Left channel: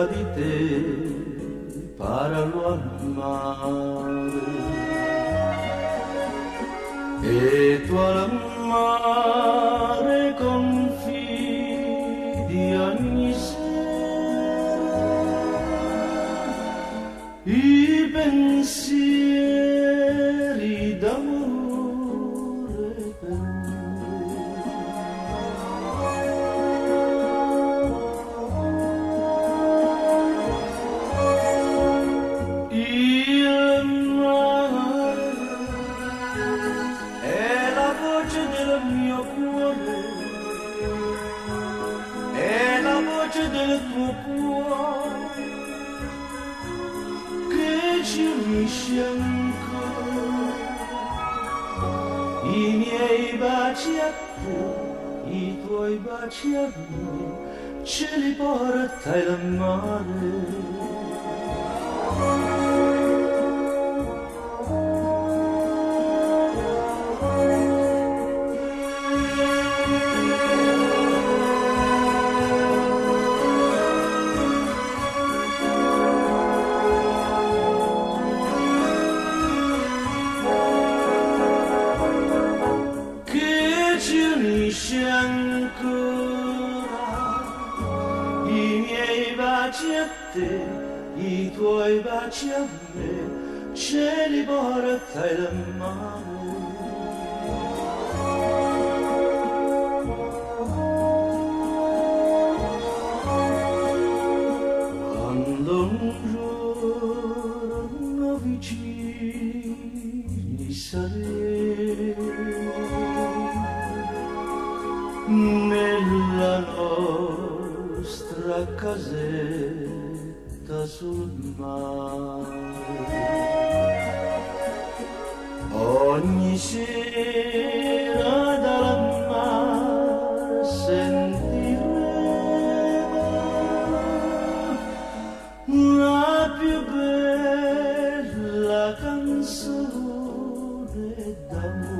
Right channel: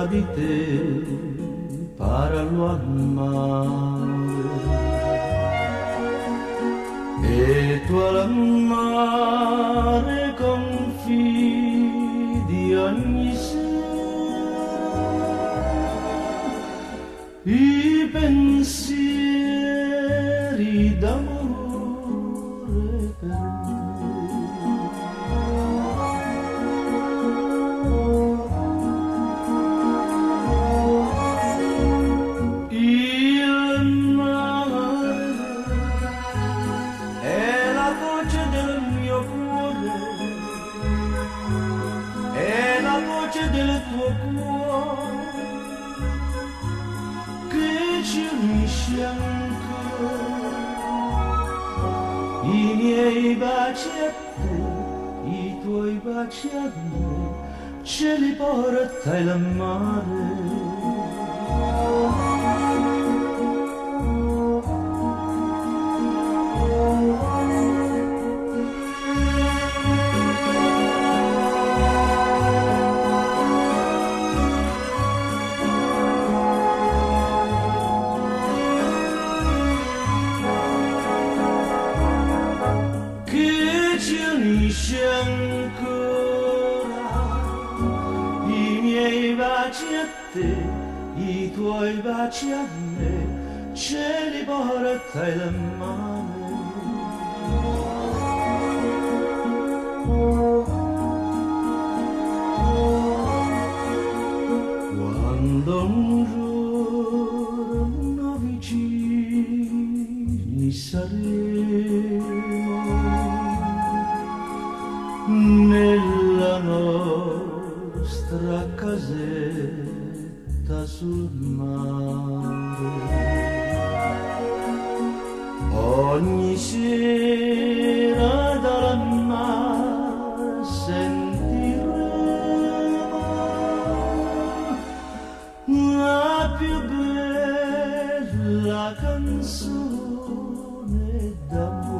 tra di te parlo al mare e tu al mare confidi ogni sera i pensieri d'amore per del mio cuore è la voce del tuo cuore che ci unisce ancora i miei baci a te, i tuoi baci a me ce li porta il mare. Unisce ancora i miei baci a te, i tuoi baci a me, ce li porta il mare. Quando un giorno vicini saremo nella nostra casetta sul mare, ogni sera dal mare sentiremo la più bella canzone d'amore.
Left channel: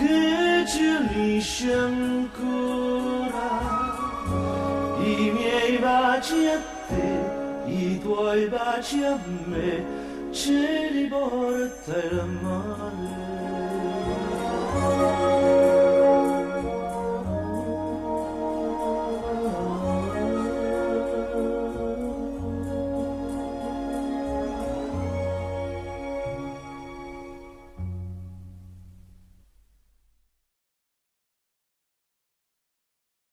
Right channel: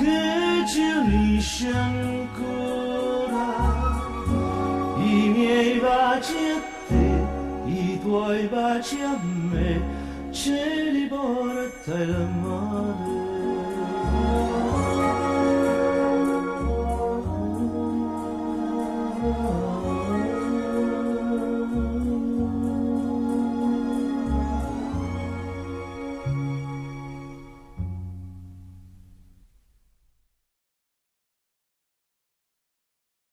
Che ci unisce ancora i miei baci a te, i tuoi baci a me, ce li porta il mare.